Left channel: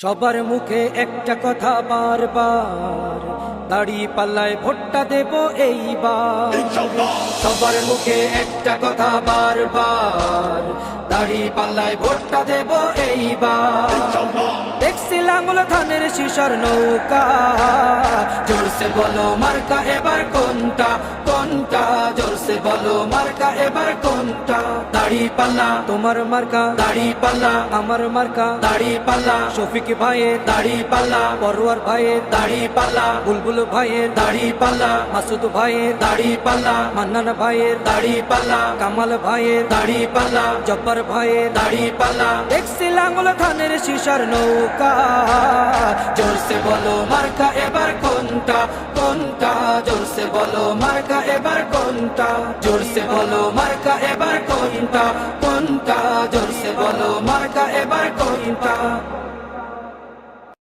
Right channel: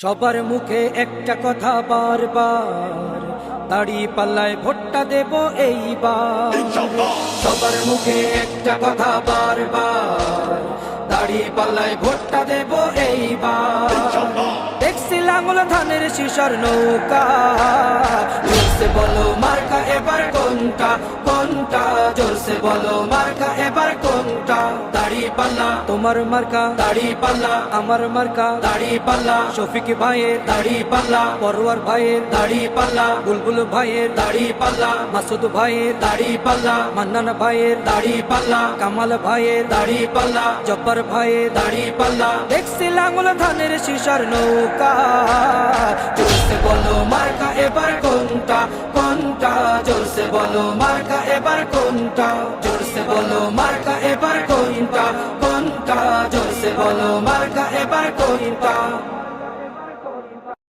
সবার মুখে একটা কথা বারবার, দাড়ি পাল্লায় ভোটটা দেব এইবার। সবার মুখে একটা কথা বারবার, দাড়ি পাল্লায় ভোটটা দেব এইবার। দেখছি লাঙ্গল ধানের শিশর নৌকা, জোরসে বলো মার্কা এবার কোনটা কোনটা, জোরসে বলো মার্কা এবার কোনটা। দাড়ি পাল্লা তোমার মার্কা, দাড়ি পাল্লা আমার মার্কা, দাড়ি পাল্লা শফিক ভাইয়ের দাড়ি পাল্লা, পরোয়ার ভাইয়ের দাড়ি পাল্লা, বুলবুল ভাইয়ের দাড়ি পাল্লা, মাসুদ ভাইয়ের দাড়ি পাল্লা, মান্নান ভাইয়ের দাড়ি পাল্লা, কামাল ভাইয়ের দাড়ি পাল্লা, জব্বার ভাইয়ের দাড়ি পাল্লা। দেখছি লাঙ্গল ধানের শিশর নৌকা, জোরসে বলো মার্কা এবার কোনটা কোনটা, জোরসে বলো মার্কা এবার কোনটা, জোরসে বলো মার্কা এবার কোনটা